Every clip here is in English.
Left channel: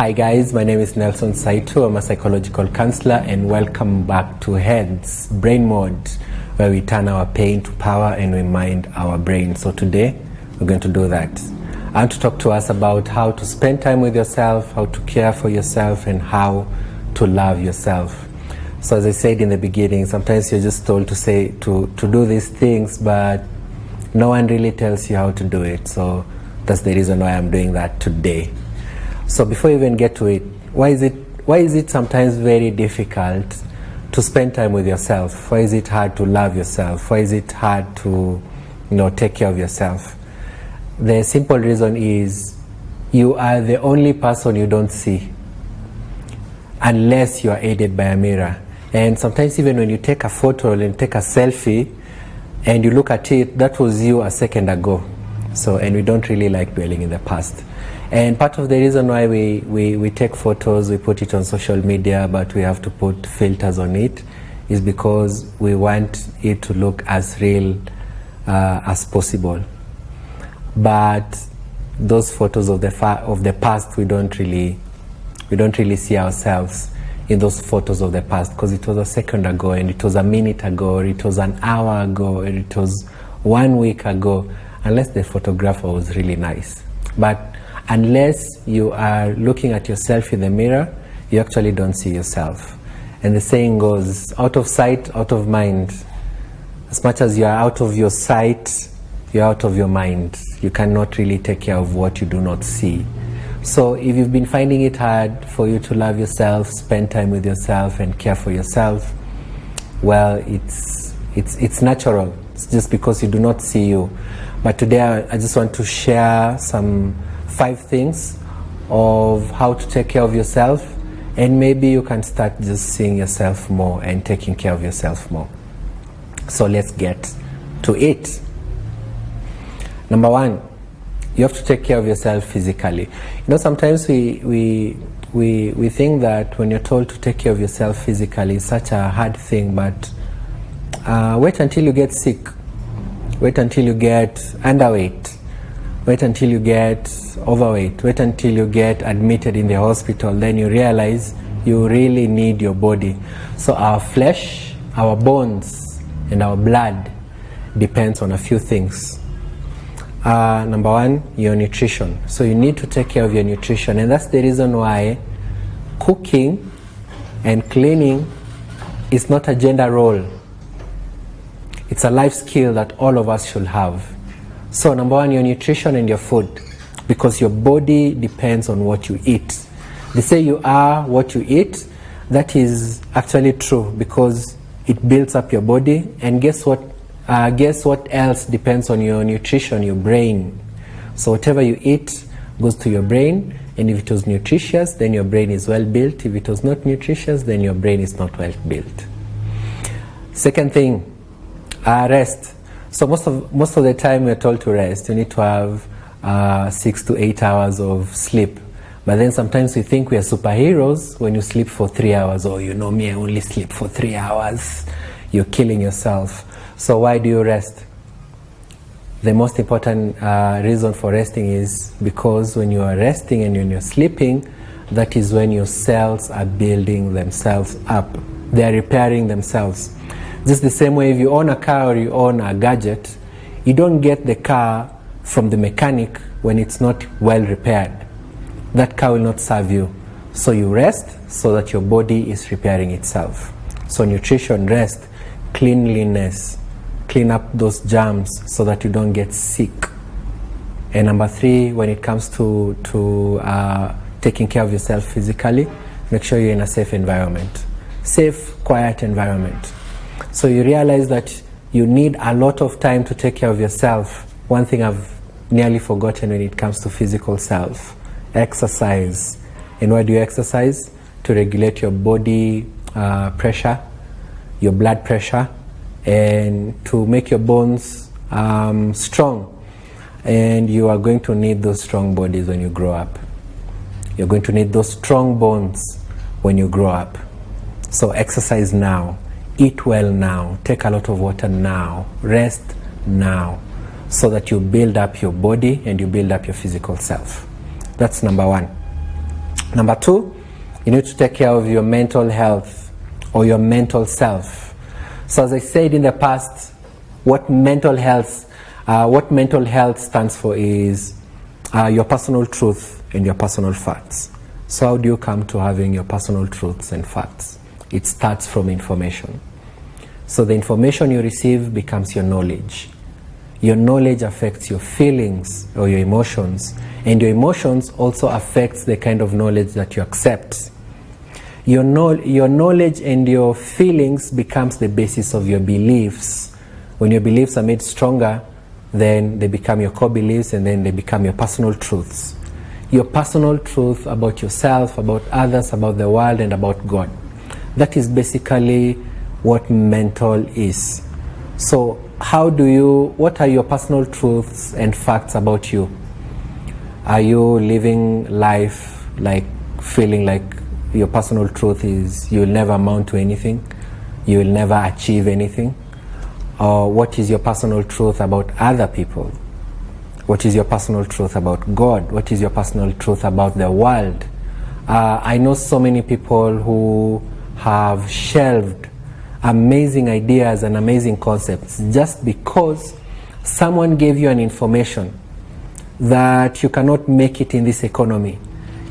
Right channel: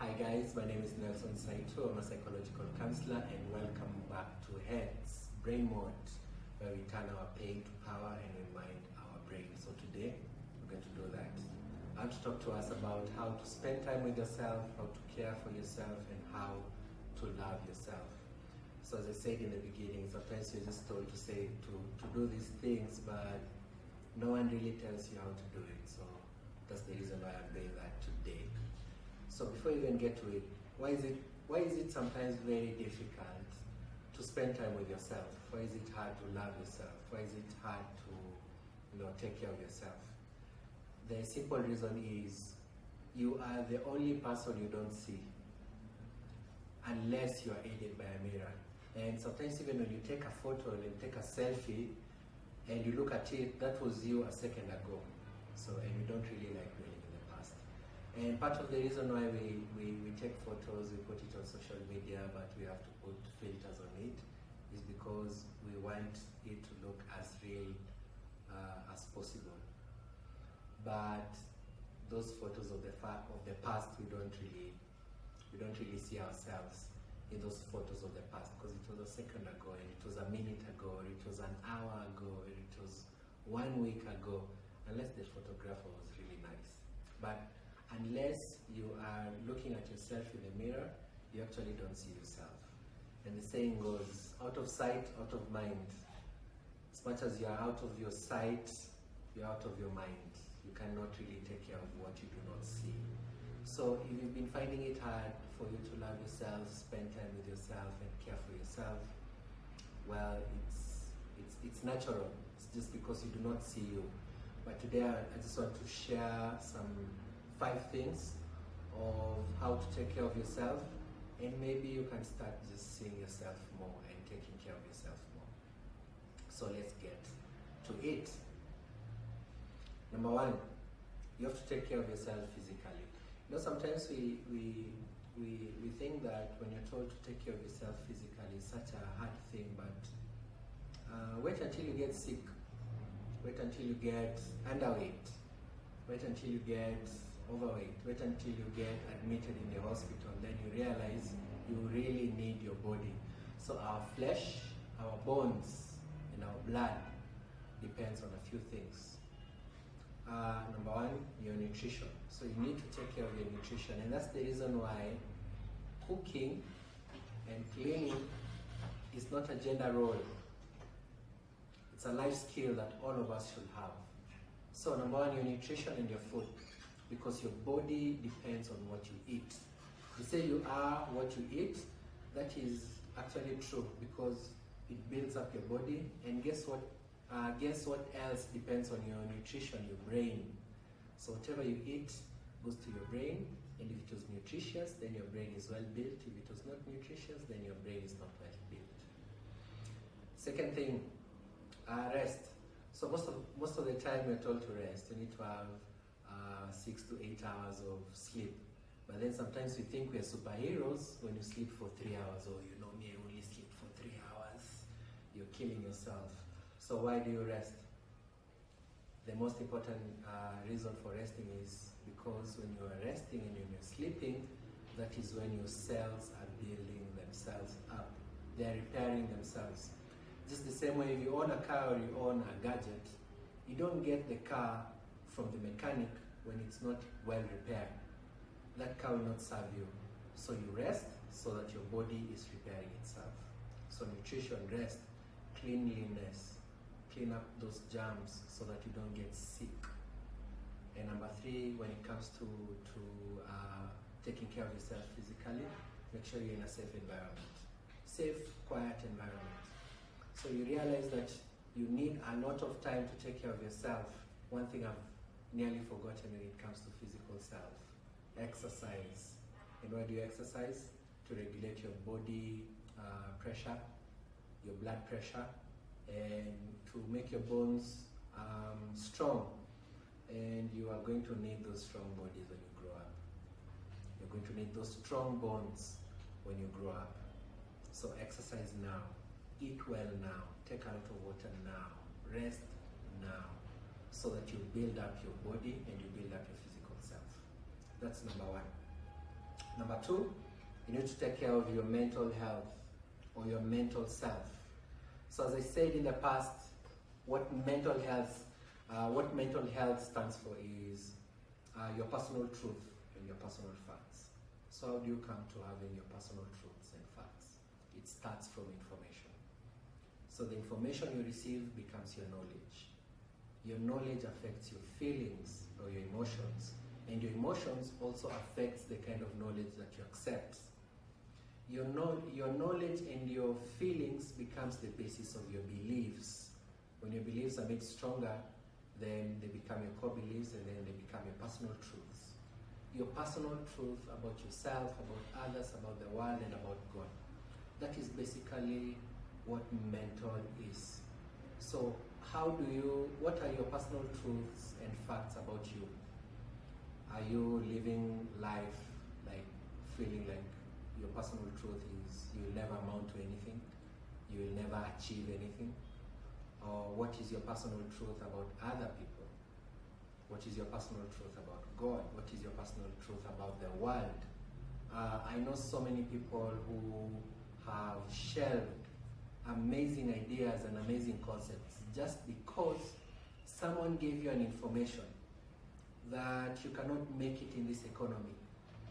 Hi guys, my name is Nelson Saito. I'm a psychological counselor and welcome back to Heads Brain Mode, where we turn our pain to power and we mind our brain. So today we're going to do that. I want to talk to us about how to spend time with yourself, how to care for yourself, and how to love yourself. So as I said in the beginning, sometimes you're just told to do these things, but no one really tells you how to do it. So that's the reason why I'm doing that today. So before you even get to it, why is it sometimes very difficult to spend time with yourself? Why is it hard to love yourself? Why is it hard to, take care of yourself? The simple reason is you are the only person you don't see unless you are aided by a mirror. And sometimes even when you take a photo and take a selfie and you look at it, that was you a second ago. And we don't really like dwelling in the past. And part of the reason why we take photos, we put it on social media, but we have to put filters on it, is because we want it to look as real as possible. But those photos of the past, we don't really see ourselves in those photos of the past, because it was a second ago, and it was a minute ago, or it was an hour ago, or it was 1 week ago, unless the photographer was really nice. But unless you are looking at yourself in the mirror, you actually don't see yourself. And the saying goes, out of sight, out of mind. As much as you are out of your sight, you're out of your mind. You cannot really take care of what you do not see. So if you've been finding it hard for you to love yourself, spend time with yourself, and care for yourself, well, it's natural. It's just because you do not see you. But today I just want to share some 5 things of how to take care of yourself, and maybe you can start just seeing yourself more and taking care of yourself more. So let's get to it. Number 1, you have to take care of yourself physically. Sometimes we think that when you're told to take care of yourself physically, it's such a hard thing, but wait until you get sick. Wait until you get underweight. Wait until you get overweight. Wait until you get admitted in the hospital. Then you realize you really need your body. So our flesh, our bones, and our blood depends on a few things. Number 1, your nutrition. So you need to take care of your nutrition. And that's the reason why cooking and cleaning is not a gender role. It's a life skill that all of us should have. So number 1, your nutrition and your food, because your body depends on what you eat. They say you are what you eat. That is actually true, because it builds up your body. And guess what else depends on your nutrition? Your brain. So whatever you eat goes to your brain, and if it was nutritious, then your brain is well built. If it was not nutritious, then your brain is not well built. Second thing, rest. So most of the time we're told to rest. You need to have 6 to 8 hours of sleep. But then sometimes we think we are superheroes when you sleep for 3 hours. Oh, me, I only sleep for 3 hours. You're killing yourself. So why do you rest? The most important reason for resting is because when you are resting and when you're sleeping, that is when your cells are building themselves up. They are repairing themselves. Just the same way, if you own a car or you own a gadget, you don't get the car from the mechanic when it's not well repaired. That car will not serve you. So you rest so that your body is repairing itself. So nutrition, rest, cleanliness, clean up those germs so that you don't get sick. And number 3, when it comes to taking care of yourself physically, make sure you're in a safe environment. Safe, quiet environment. So you realize that you need a lot of time to take care of yourself. One thing I've nearly forgotten when it comes to physical self: exercise. And why do you exercise? To regulate your body pressure, your blood pressure, and to make your bones strong. And you are going to need those strong bodies when you grow up. You're going to need those strong bones when you grow up. So exercise now. Eat well now, take a lot of water now, rest now, so that you build up your body and you build up your physical self. That's number 1. Number 2, you need to take care of your mental health or your mental self. So as I said in the past, what mental health stands for is your personal truth and your personal facts. So how do you come to having your personal truths and facts? It starts from information. So the information you receive becomes your knowledge. Your knowledge affects your feelings or your emotions, and your emotions also affects the kind of knowledge that you accept. Your knowledge and your feelings becomes the basis of your beliefs. When your beliefs are made stronger, then they become your core beliefs, and then they become your personal truths. Your personal truth about yourself, about others, about the world, and about God. That is basically what mental is. So what are your personal truths and facts about you? Are you living life like feeling like your personal truth is you will never amount to anything, you will never achieve anything? Or what is your personal truth about other people? What is your personal truth about God? What is your personal truth about the world? I know so many people who have shelved amazing ideas and amazing concepts just because someone gave you an information that you cannot make it in this economy.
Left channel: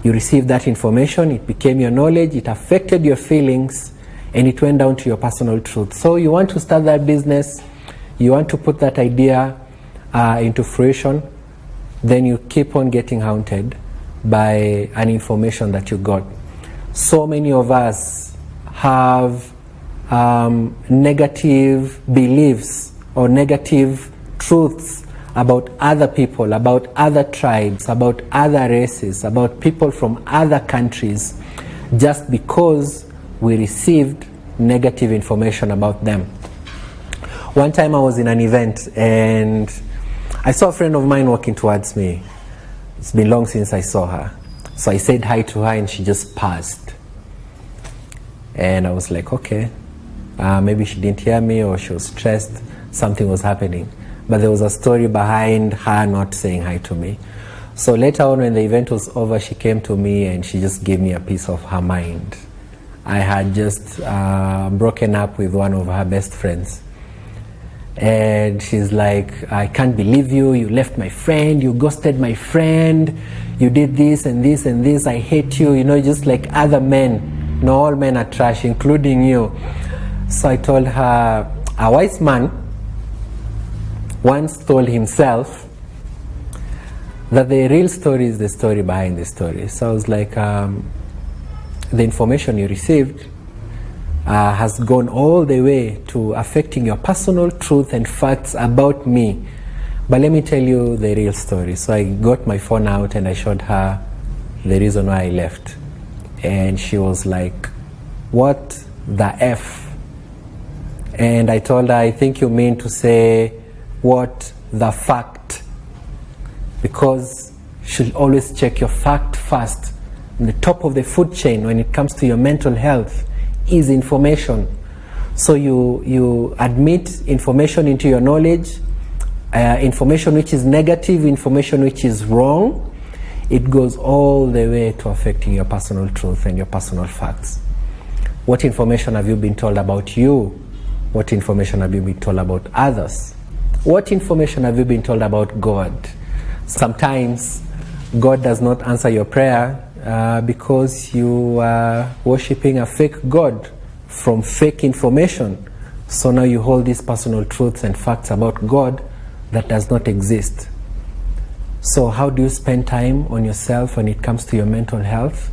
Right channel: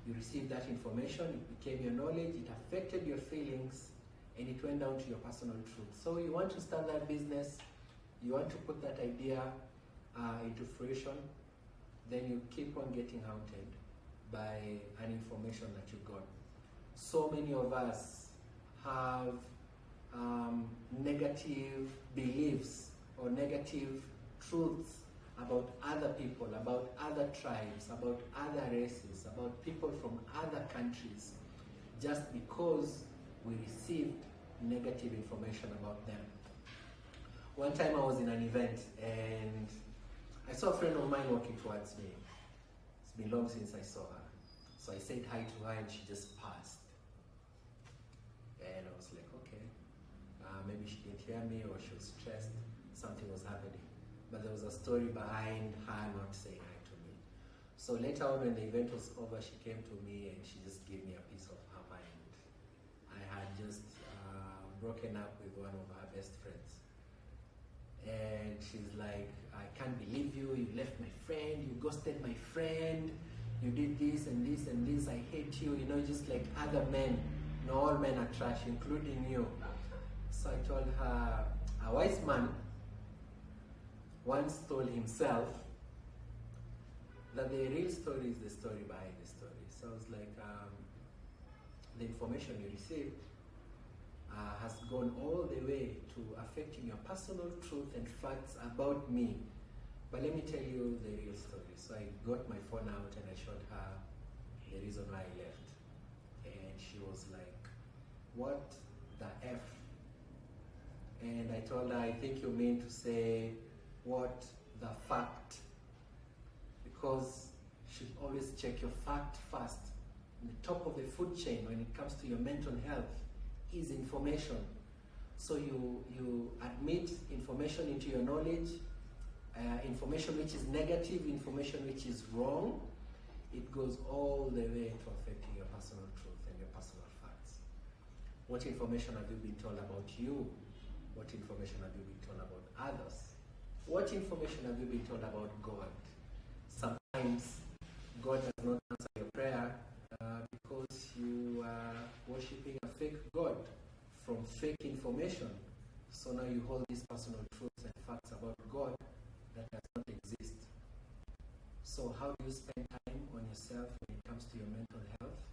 You received that information, it became your knowledge, it affected your feelings, and it went down to your personal truth. So you want to start that business, you want to put that idea into fruition, then you keep on getting haunted by an information that you got. So many of us have negative beliefs or negative truths about other people, about other tribes, about other races, about people from other countries, just because we received negative information about them. One time I was in an event and I saw a friend of mine walking towards me. It's been long since I saw her. So I said hi to her and she just passed. And I was like, okay, maybe she didn't hear me or she was stressed, something was happening. But there was a story behind her not saying hi to me. So later on when the event was over, she came to me and she just gave me a piece of her mind. I had just broken up with one of her best friends. And she's like, I can't believe you, you left my friend, you ghosted my friend, you did this and this and this, I hate you, just like other men. No, all men are trash, including you. So I told her, a wise man once told himself that the real story is the story behind the story. So I was like, the information you received has gone all the way to affecting your personal truth and facts about me. But let me tell you the real story. So I got my phone out and I showed her the reason why I left. And she was like, what the F? And I told her, I think you mean to say, what the fact? Because you should always check your fact first. In the top of the food chain when it comes to your mental health is information. So you admit information into your knowledge, information which is negative, information which is wrong. It goes all the way to affecting your personal truth and your personal facts. What information have you been told about you? What information have you been told about others? What information have you been told about God? Sometimes God does not answer your prayer because you are worshipping a fake God from fake information. So now you hold these personal truths and facts about God that does not exist. So how do you spend time on yourself when it comes to your mental health?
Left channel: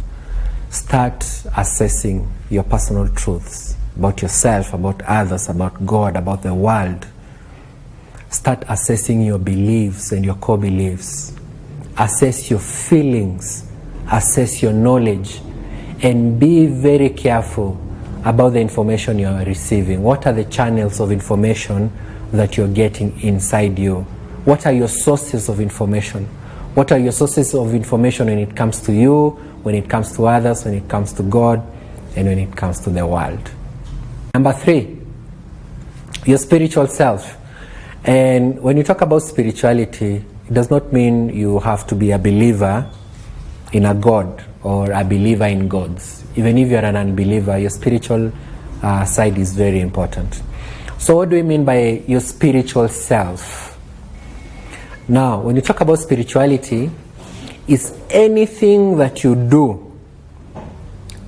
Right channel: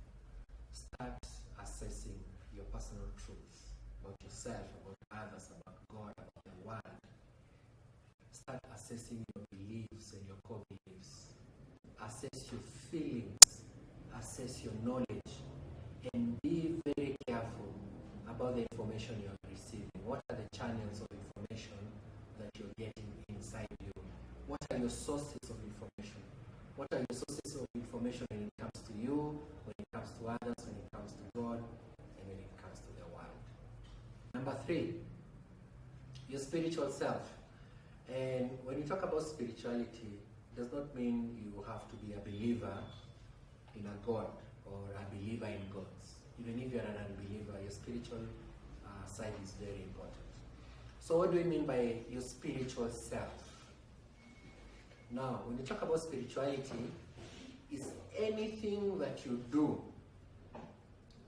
Start assessing your personal truths about yourself, about others, about God, about the world. Start assessing your beliefs and your core beliefs. Assess your feelings. Assess your knowledge. And be very careful about the information you are receiving. What are the channels of information that you're getting inside you? What are your sources of information? What are your sources of information when it comes to you, when it comes to others, when it comes to God, and when it comes to the world? Number 3, your spiritual self. And when you talk about spirituality, it does not mean you have to be a believer in a God or a believer in gods. Even if you're an unbeliever, your spiritual side is very important. So what do we mean by your spiritual self? Now, when you talk about spirituality, it's anything that you do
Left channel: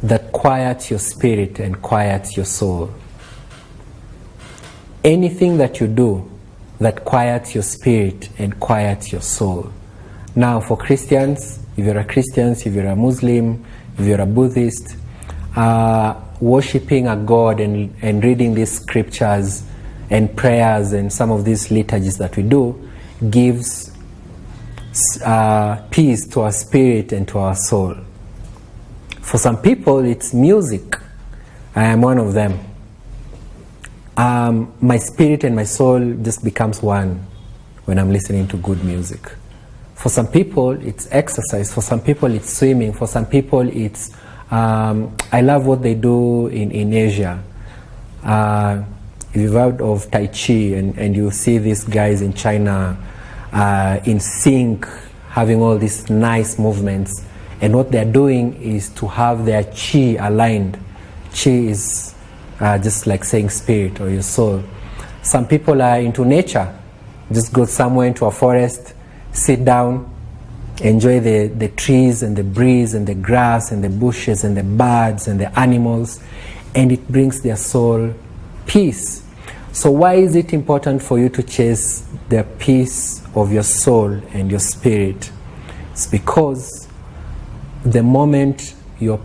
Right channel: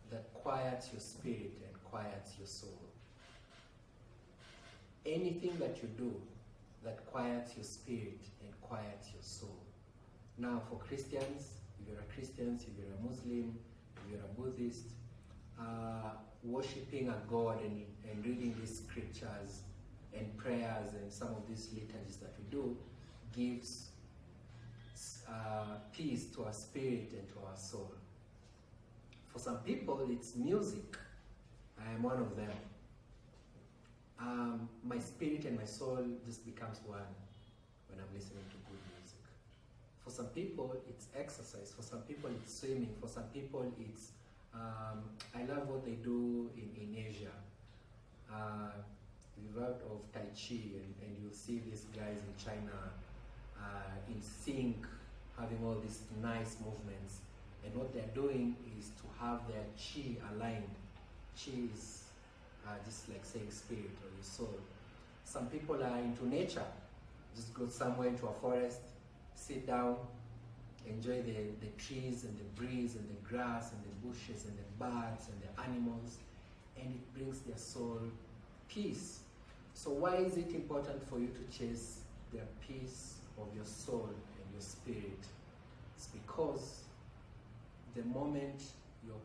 that quiets your spirit and quiets your soul. Anything that you do that quiets your spirit and quiets your soul. Now, for Christians, if you're a Christian, if you're a Muslim, if you're a Buddhist, worshipping a God and reading these scriptures and prayers and some of these liturgies that we do gives peace to our spirit and to our soul. For some people, it's music. I am one of them. My spirit and my soul just becomes one when I'm listening to good music. For some people, it's exercise. For some people, it's swimming. For some people, it's I love what they do in Asia. If you've heard of Tai Chi and you see these guys in China in sync, having all these nice movements, and what they're doing is to have their chi aligned. Chi is just like saying spirit or your soul. Some people are into nature. Just go somewhere into a forest, sit down, enjoy the trees and the breeze and the grass and the bushes and the birds and the animals, and it brings their soul peace. So why is it important for you to chase the peace of your soul and your spirit? It's because the moment your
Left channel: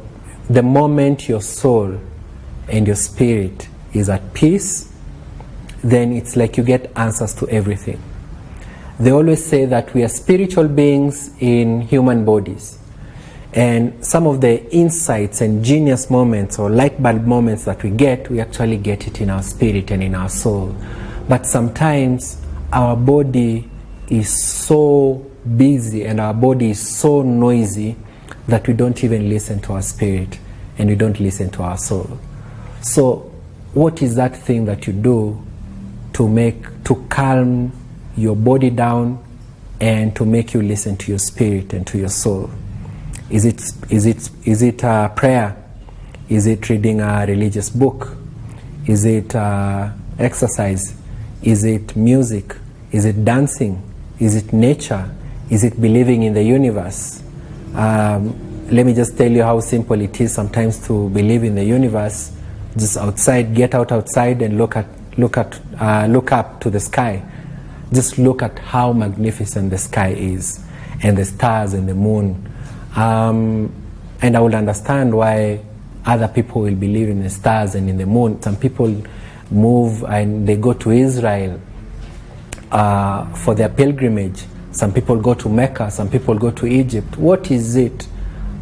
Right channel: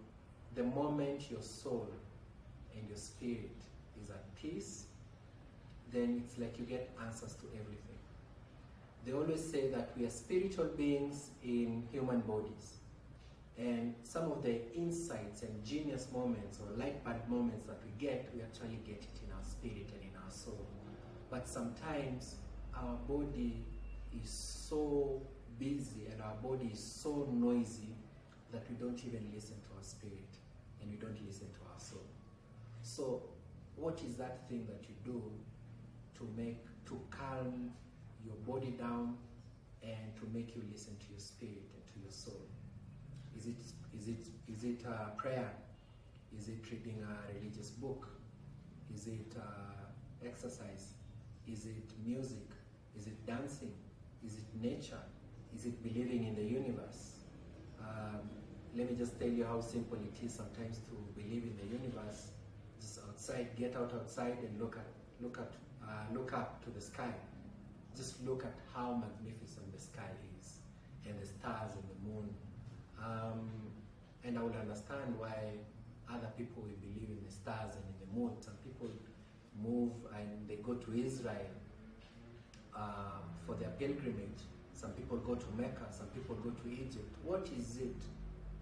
soul and your spirit is at peace, then it's like you get answers to everything. They always say that we are spiritual beings in human bodies. And some of the insights and genius moments or light bulb moments that we actually get it in our spirit and in our soul. But sometimes our body is so busy and our body is so noisy that we don't even listen to our spirit and we don't listen to our soul. So what is that thing that you do to calm your body down and to make you listen to your spirit and to your soul? Is it a prayer? Is it reading a religious book? Is it exercise? Is it music? Is it dancing? Is it nature? Is it believing in the universe? Let me just tell you how simple it is sometimes to believe in the universe. Just outside, get out outside and look up to the sky. Just look at how magnificent the sky is, and the stars and the moon. And I will understand why other people will believe in the stars and in the moon. Some people move and they go to Israel for their pilgrimage. Some people go to Mecca. Some people go to Egypt. What is it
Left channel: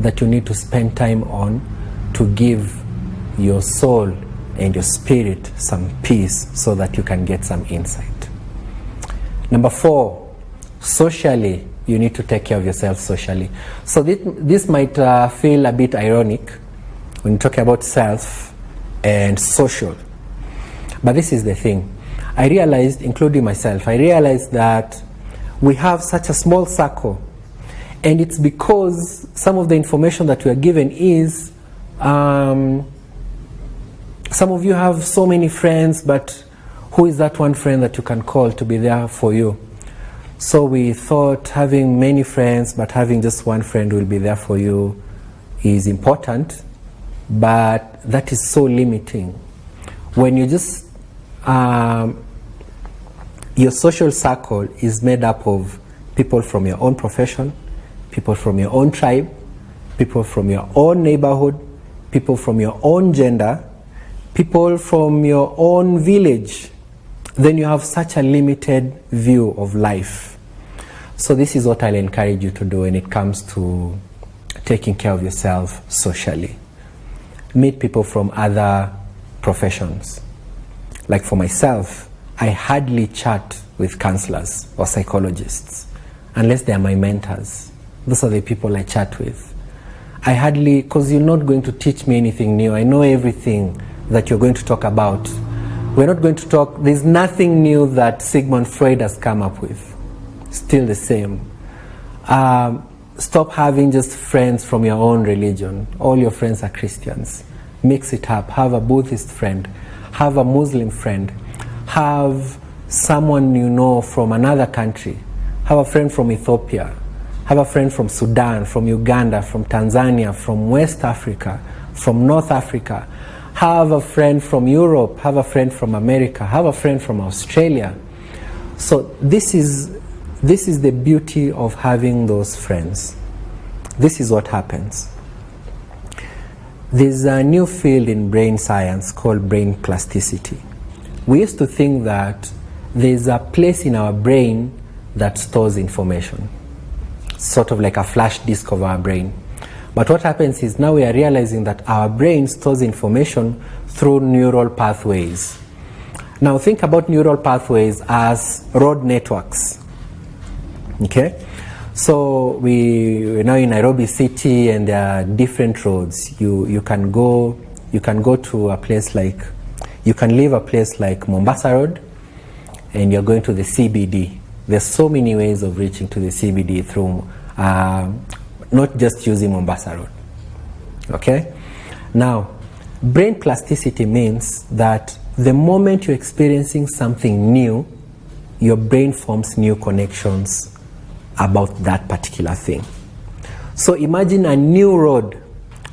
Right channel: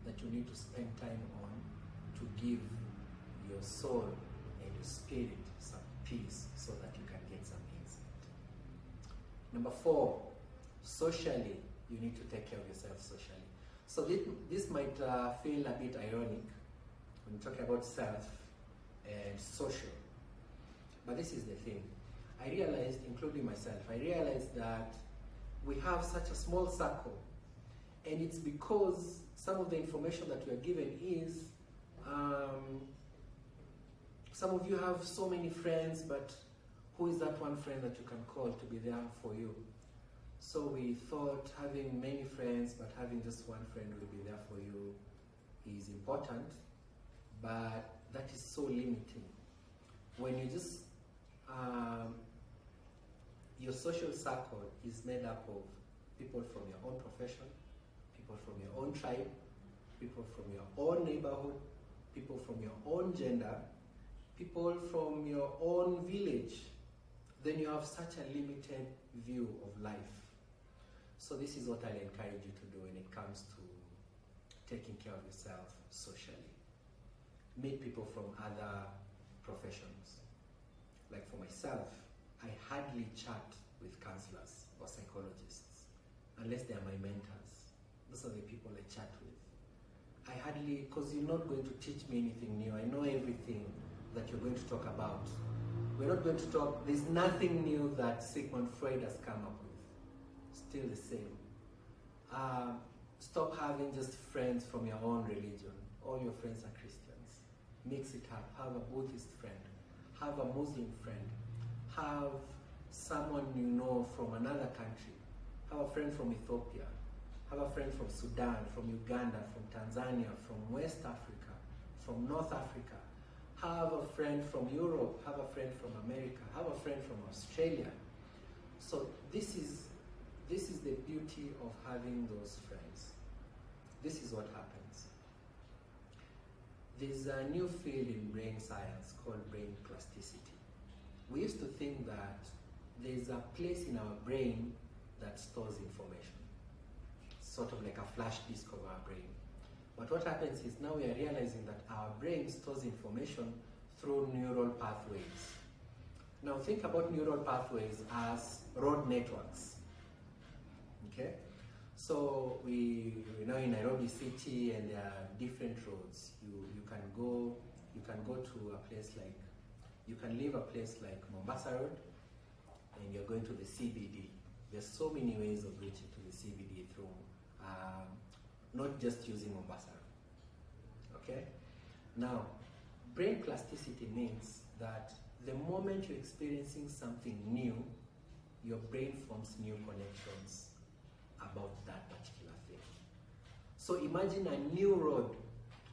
that you need to spend time on to give your soul and your spirit some peace so that you can get some insight? Number 4, socially, you need to take care of yourself socially. So this might feel a bit ironic when you talk about self and social. But this is the thing. I realized, including myself, that we have such a small circle. And it's because some of the information that we are given is, some of you have so many friends, but who is that one friend that you can call to be there for you? So we thought having many friends, but having just one friend who will be there for you is important, but that is so limiting. When you just, your social circle is made up of people from your own profession, people from your own tribe, people from your own neighborhood, people from your own gender, people from your own village, then you have such a limited view of life. So this is what I'll encourage you to do when it comes to taking care of yourself socially. Meet people from other professions. Like for myself, I hardly chat with counselors or psychologists unless they are my mentors. Those are the people I chat with. I hardly, because you're not going to teach me anything new. I know everything that you're going to talk about. We're not going to talk, there's nothing new that Sigmund Freud has come up with. Still the same. stop having just friends from your own religion. All your friends are Christians. Mix it up. Have a Buddhist friend. Have a Muslim friend. Have someone you know from another country. Have a friend from Ethiopia. Have a friend from Sudan, from Uganda, from Tanzania, from West Africa, from North Africa. Have a friend from Europe. Have a friend from America. Have a friend from Australia. So this is the beauty of having those friends. This is what happens. There's a new field in brain science called brain plasticity. We used to think that there's a place in our brain that stores information, sort of like a flash disk of our brain. But what happens is now we are realizing that our brain stores information through neural pathways. Now think about neural pathways as road networks. Okay? So we're now in Nairobi City and there are different roads. You can go to a place like, you can leave a place like Mombasa Road and you're going to the CBD. There's so many ways of reaching to the CBD through, not just using Mombasa Road. Okay? Now, brain plasticity means that the moment you're experiencing something new, your brain forms new connections about that particular thing. So imagine a new road.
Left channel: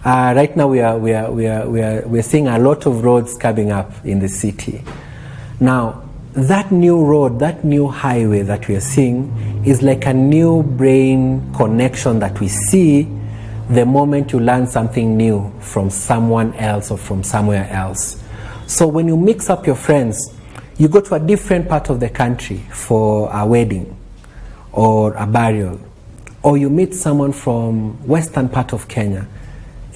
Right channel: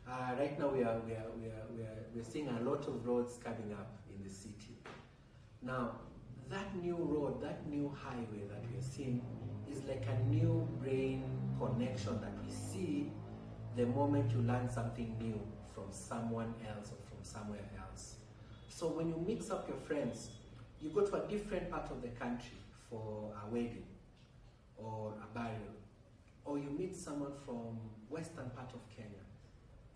Right now we're seeing a lot of roads coming up in the city. Now, that new road, that new highway that we are seeing is like a new brain connection that we see the moment you learn something new from someone else or from somewhere else. So when you mix up your friends, you go to a different part of the country for a wedding or a burial, or you meet someone from western part of Kenya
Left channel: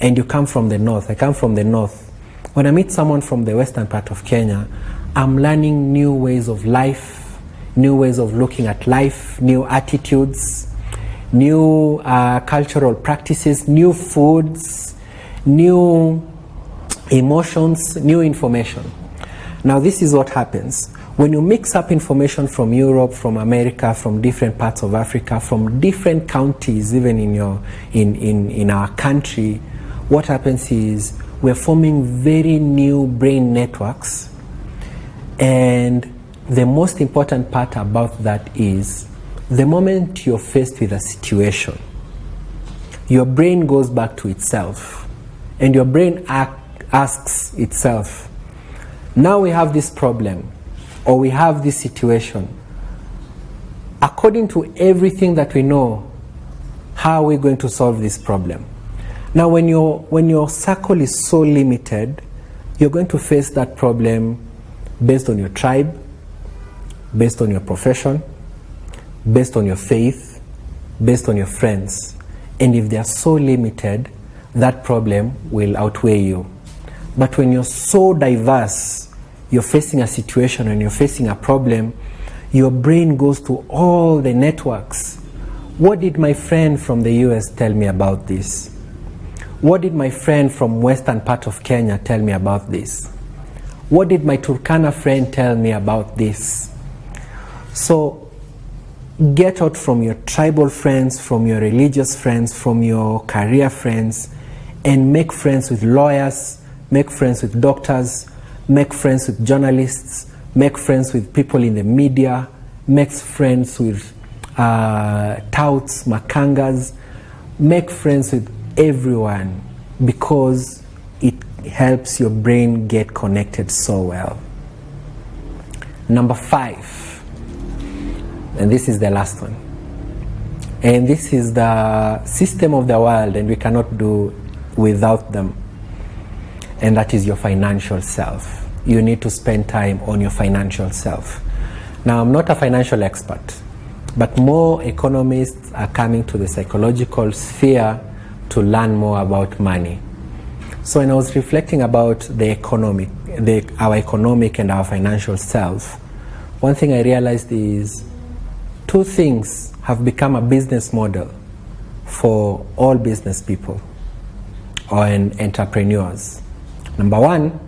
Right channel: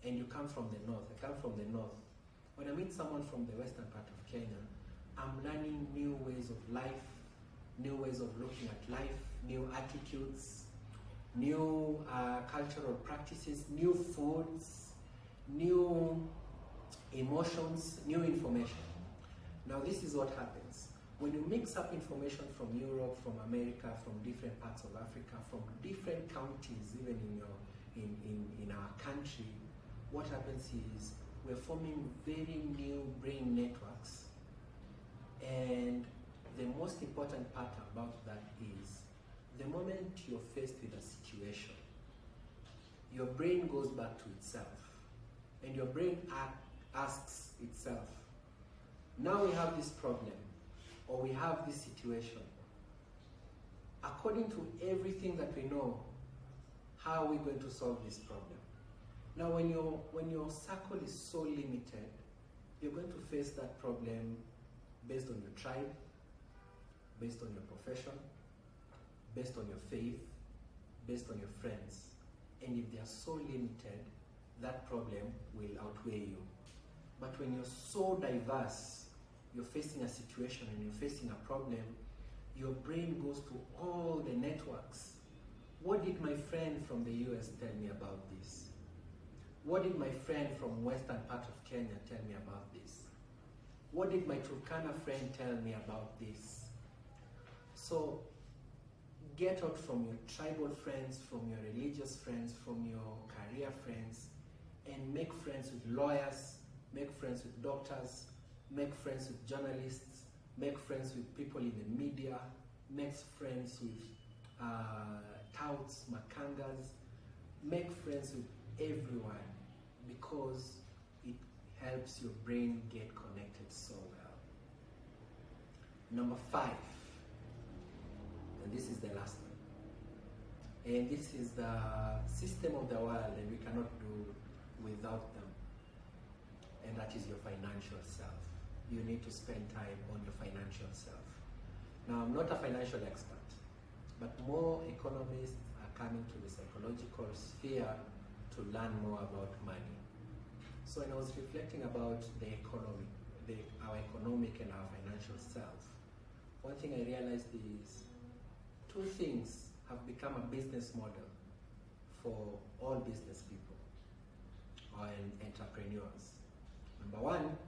and you come from the north. I come from the north. When I meet someone from the western part of Kenya, I'm learning new ways of life, new ways of looking at life, new attitudes, new cultural practices, new foods, new emotions, new information. Now this is what happens. When you mix up information from Europe, from America, from different parts of Africa, from different counties, even in our country, what happens is we're forming very new brain networks. And the most important part about that is the moment you're faced with a situation, your brain goes back to itself and your brain asks itself, now we have this problem or we have this situation. According to everything that we know, how are we going to solve this problem? Now when your circle is so limited, you're going to face that problem based on your tribe, based on your profession, based on your faith, based on your friends. And if they are so limited, that problem will outweigh you. But when you're so diverse, you're facing a situation and you're facing a problem, your brain goes to all the networks. What did my friend from the US tell me about this? What did my friend from western part of Kenya tell me about this? What did my Turkana friend tell me about this? So get out from your tribal friends, from your religious friends, from your career friends, and make friends with lawyers, make friends with doctors, make friends with journalists, make friends with people in the media, make friends with touts, makangas, make friends with everyone, because it helps your brain get connected so well. Number 5, and this is the last one, and this is the system of the world and we cannot do without them, and that is your financial self. You need to spend time on your financial self. Now, I'm not a financial expert, but more economists are coming to the psychological sphere to learn more about money. So when I was reflecting about our economic and our financial self, one thing I realized is 2 things have become a business model for all business people or entrepreneurs. Number 1,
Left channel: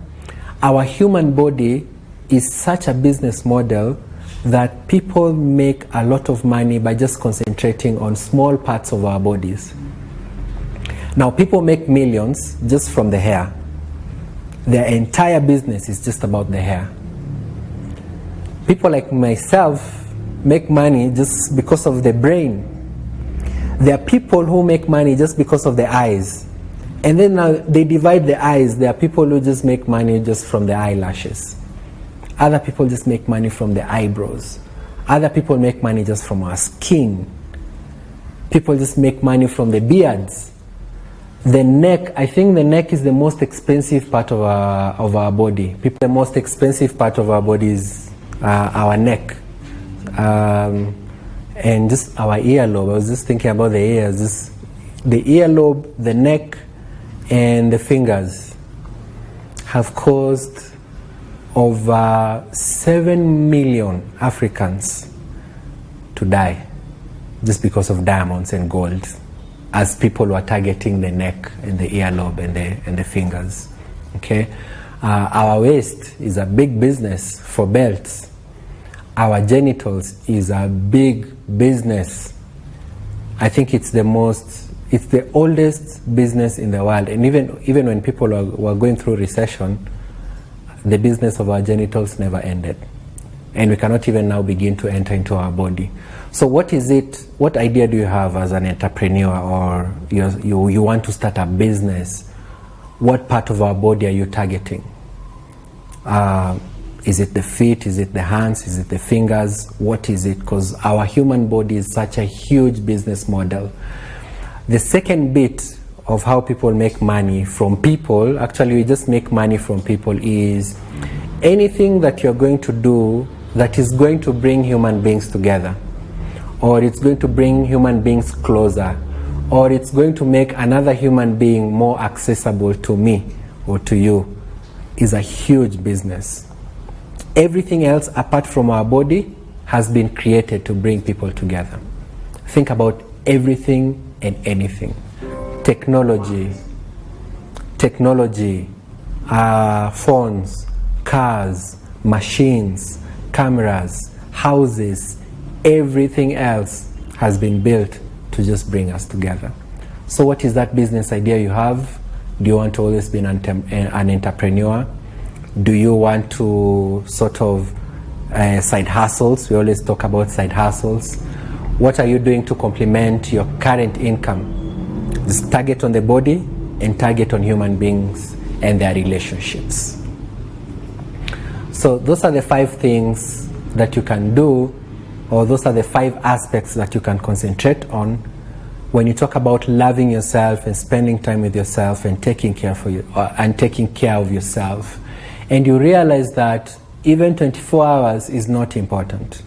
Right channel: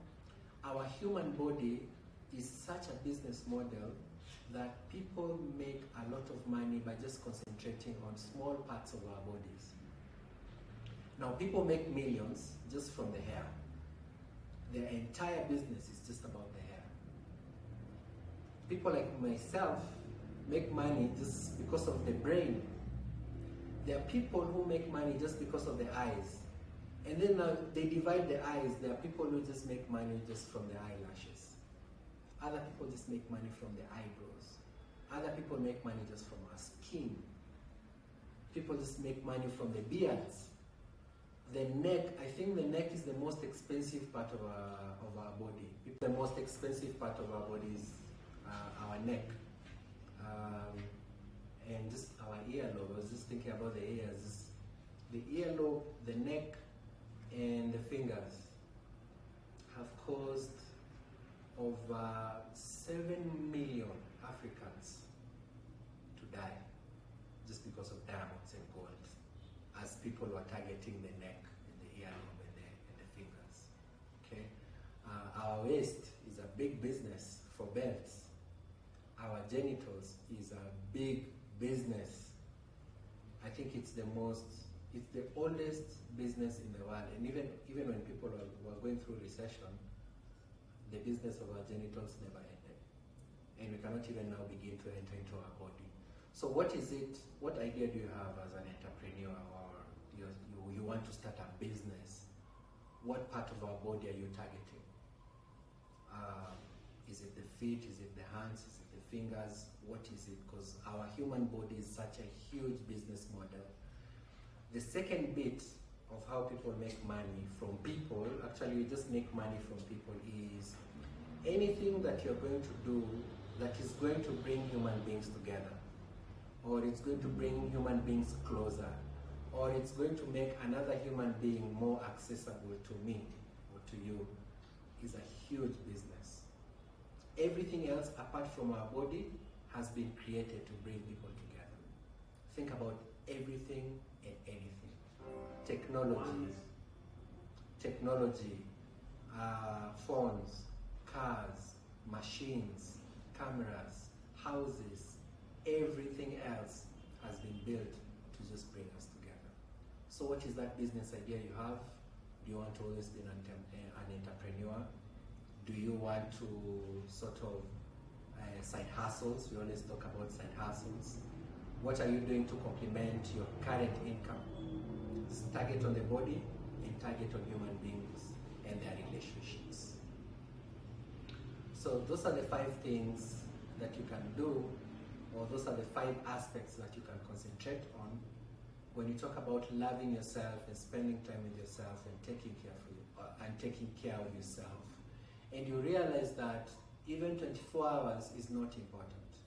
our human body is such a business model that people make a lot of money by just concentrating on small parts of our bodies. Now, people make millions just from the hair. Their entire business is just about the hair. People like myself make money just because of the brain. There are people who make money just because of the eyes. And then now they divide the eyes. There are people who just make money just from the eyelashes. Other people just make money from the eyebrows. Other people make money just from our skin. People just make money from the beards. The neck, I think the neck is the most expensive part of our body. The most expensive part of our body is our neck. And just our earlobe. I was just thinking about the ears. The earlobe, the neck, and the fingers have caused over 7 million Africans to die just because of diamonds and gold, as people were targeting the neck and the earlobe and the fingers. Okay, our waist is a big business for belts. Our genitals is a big business. I think it's the oldest business in the world. And even when people were going through recession, the business of our genitals never ended. And we cannot even now begin to enter into our body. So what is it, what idea do you have as an entrepreneur, or you want to start a business? What part of our body are you targeting? Is it the feet? Is it the hands? Is it the fingers? What is it? Because our human body is such a huge business model. The second bit of how people make money from people, actually we just make money from people, is anything that you're going to do that is going to bring human beings together, or it's going to bring human beings closer, or it's going to make another human being more accessible to me or to you, is a huge business. Everything else apart from our body has been created to bring people together. Think about everything and anything. Technology, phones, cars, machines, cameras, houses, everything else has been built to just bring us together. So what is that business idea you have? Do you want to always be an entrepreneur? Do you want to sort of side hustles? We always talk about side hustles. What are you doing to complement your current income? Just target on the body and target on human beings and their relationships. So those are the 5 things that you can do, or those are the 5 aspects that you can concentrate on when you talk about loving yourself and spending time with yourself and taking care of yourself. And you realize that even 24 hours is not important.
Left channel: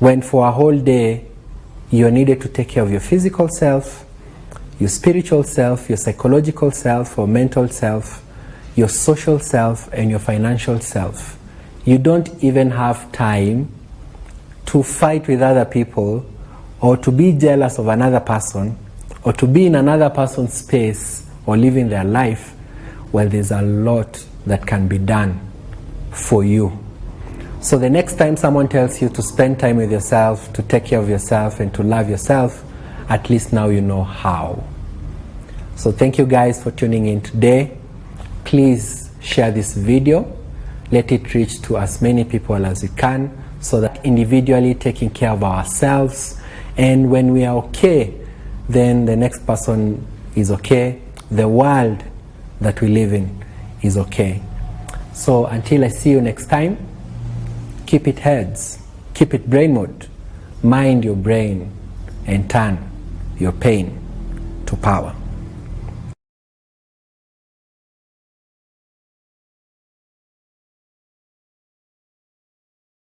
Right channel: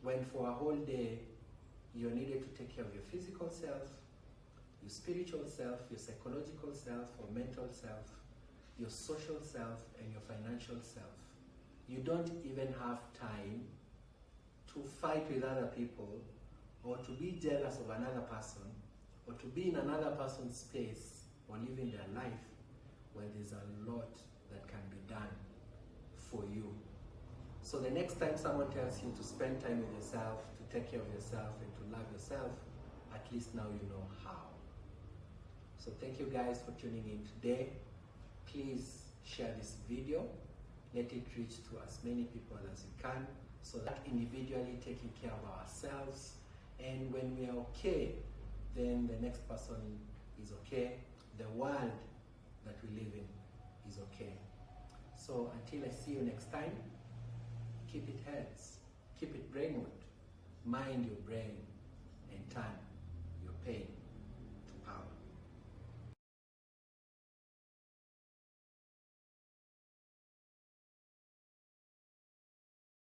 When for a whole day you're needed to take care of your physical self, your spiritual self, your psychological self or mental self, your social self, and your financial self. You don't even have time to fight with other people, or to be jealous of another person, or to be in another person's space or living their life. Well, there's a lot that can be done for you. So the next time someone tells you to spend time with yourself, to take care of yourself, and to love yourself, at least now you know how. So thank you guys for tuning in today. Please share this video. Let it reach to as many people as you can, so that individually taking care of ourselves, and when we are okay, then the next person is okay. The world that we live in is okay. So until I see you next time, keep it heads, keep it brain mode, mind your brain, and turn your pain to power.